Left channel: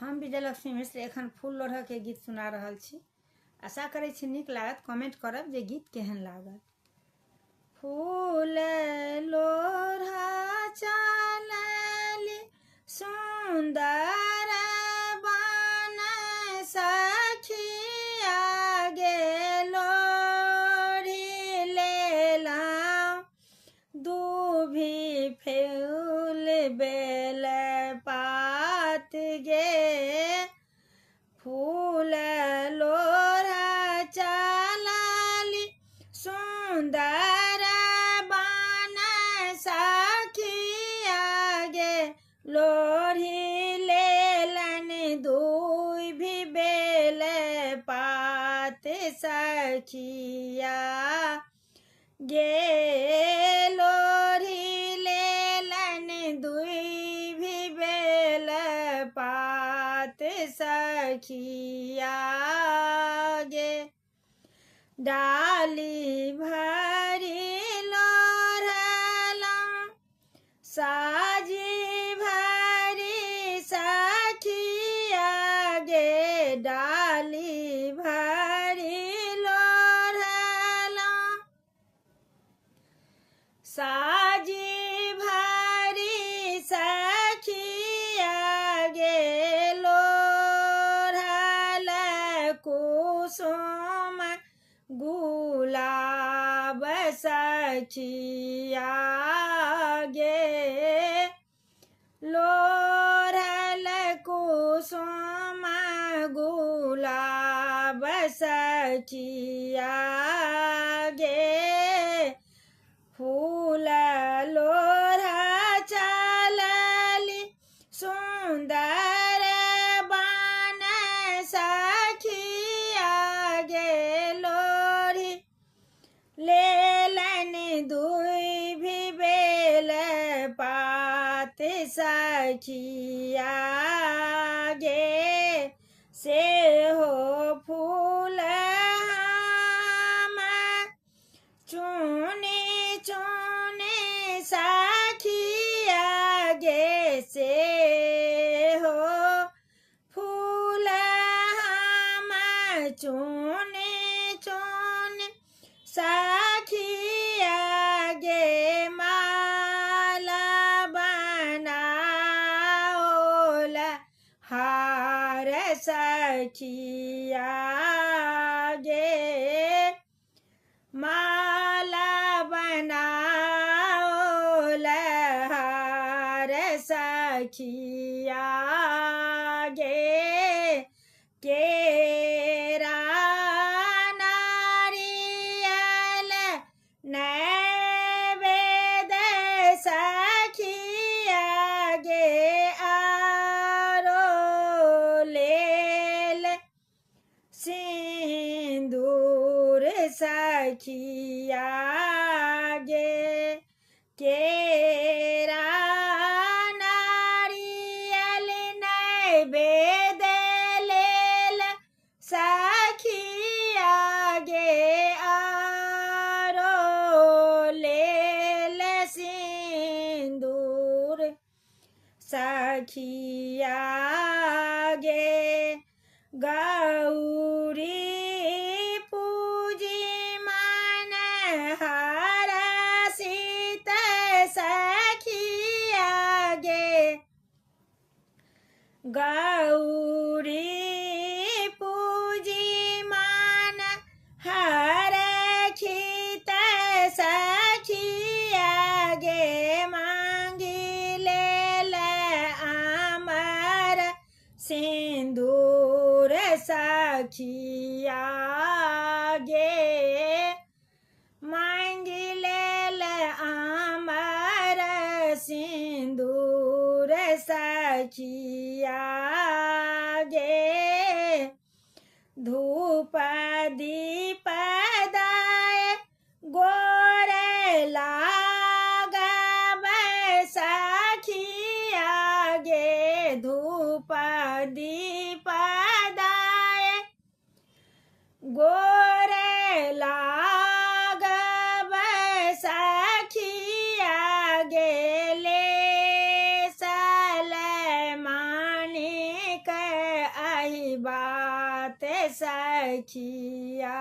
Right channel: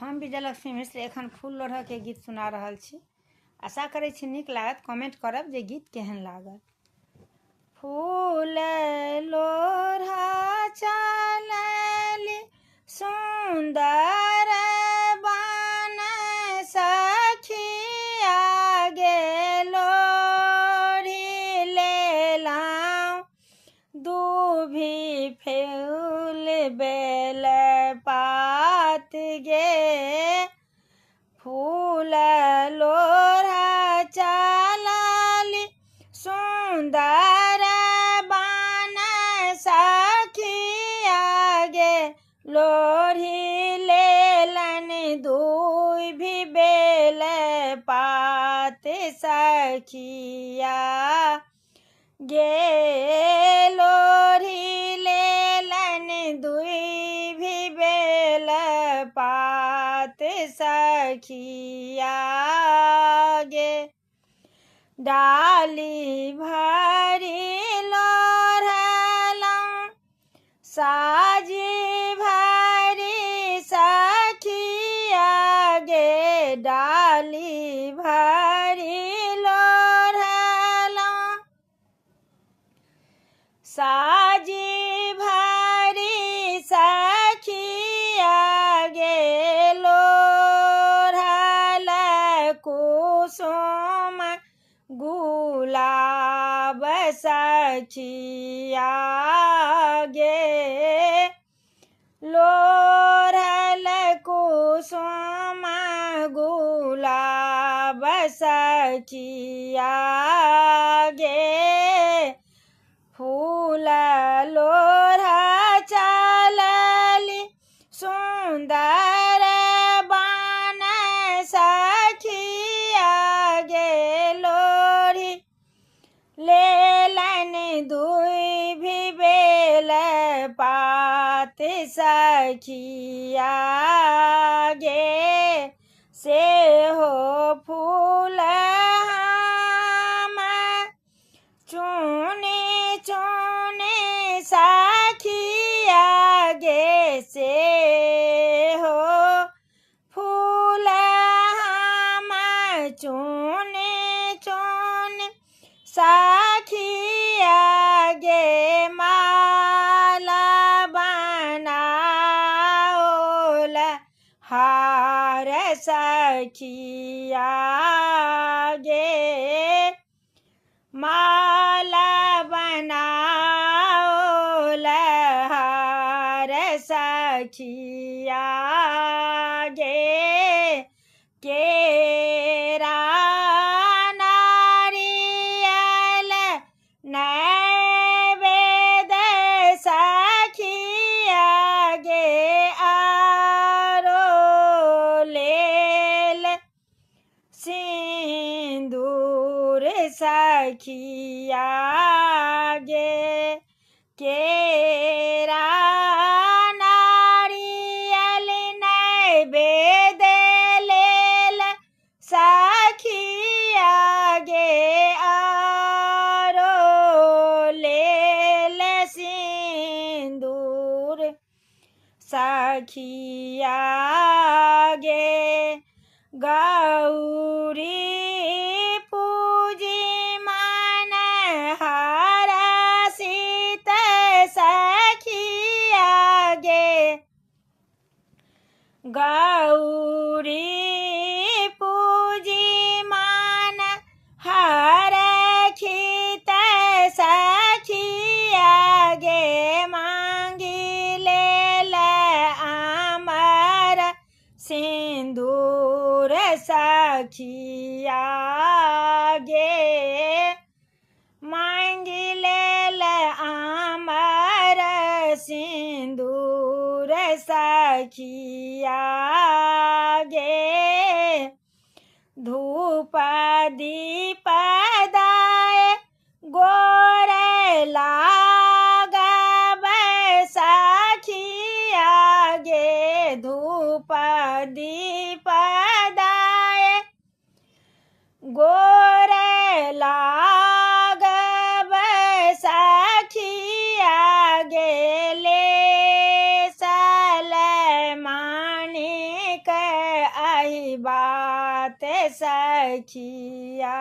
हम विजयलक्ष्मी मिश्र एखन फूल लोढ़ऽ के गीत सुना रहल छी। आशा करै छी नीक लागत। कमेंट करब जे गीत केहन लागल। फूल लोढ़ऽ चलली सुंदर बन सखिया गे लोढ़ी लेलहुँ दूभी फूल बेल पात गे फूल लोढ़ऽ चलली सुंदर बन सखिया गे लोढ़ी लेलन दूभी बेल पात सखिया गे लोढ़ी लेलन दूभी बेल पात सखिया गे डाली भरी लोढ़लहुँ साजी भरी सखिया गे डाली भरी लोढ़लहुँ साजी भरी सखिया गे लोढ़ल कुसुम गुलाब सखिया गे लोढ़ल कुसुम गुलाब सखिया गे फूल लोढ़ऽ चलली सुंदर बन सखिया गे लोढ़ी लेलन दूभी बेल पात सखिया गे से हो फूल हम चुने चुने सखिया गे से हो फूल हम चुने चुने सखिया गे माला बनाओल हार सखिया गे माला बनाओल हार सखिया गे केरा नारियल नैवेद सखिया गे आरो लेल सिंदूर सखिया गे केरा नारियल नैवेद लेल सखिया गे आरो लेल सिंदूर सखिया गे गौरी पूजी मन हरषित सखिया गे गौरी पूजी मन हरषित सखिया गे मांगी लेल अमर सिंदूर सखिया गे मांगी लेल अमर सिंदूर सखिया गे धूप दीप दाय गोर लागब सखिया गे धूप दीप दाय गोर लागब सखिया गे ले सलमानी के सही बात सखिया